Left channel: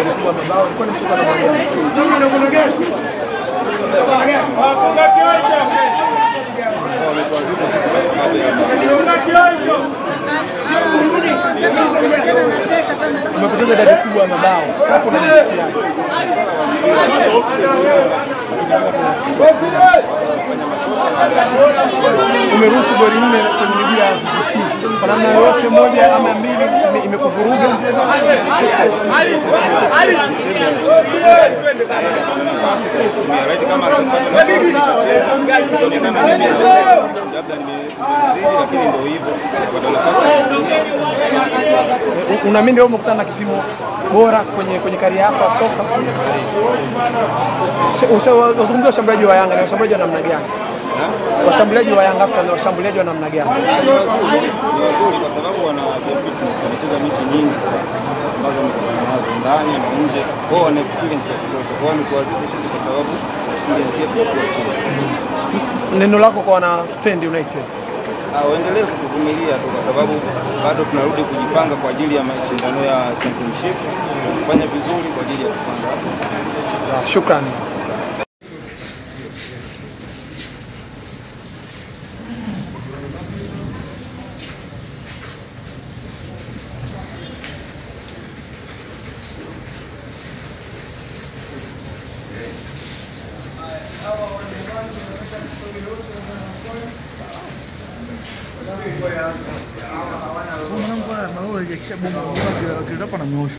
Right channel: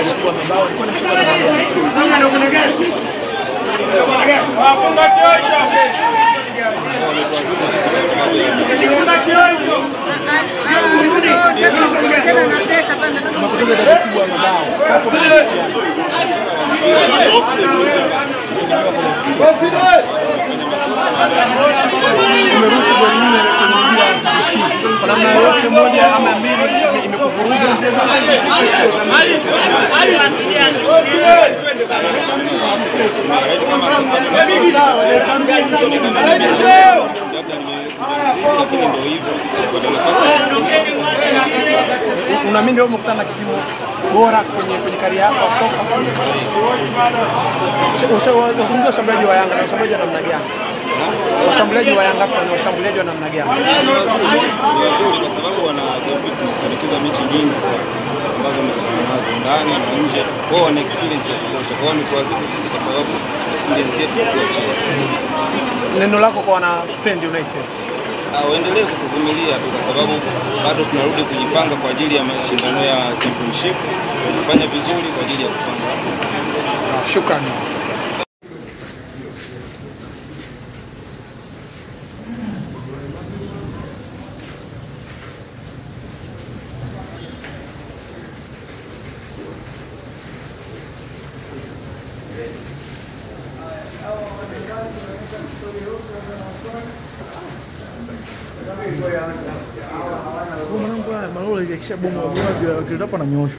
alikuwa mabao, alikuwa ni mchezo umeruhusu goli 4 kwenye ligi ya Ziki. Kwa namna yote moja ama mbili imekuvuruga mchezo. Unaamini leo umekutana na kipimo bora kwenye kariera yako ya soka? Ushauri washambuliaji wa Yanga na washambuliaji wa namna gani? Washambuliaji wa Yanga na washambuliaji wa namna gani? Ni wazuri kwa sababu wana fitness, wanacheza mechi nyingi sana ambazo wamekutana nazo ndani na nje. Wao wana experience ya kutosha. Kwa hiyo ni kuadhibu sisi kwa sababu experience yetu iko chini. Neno lako kwa wana Stand United? Waendelee kutuvumilia tu kwa sababu bado tunarudi kujipanga kwa ajili ya mashindano ya championship, kufanya vizuri kwa ajili ya kupanda. Shukrani. Mungu haya maola yakisha bomba kwa kile hapa na nyosho.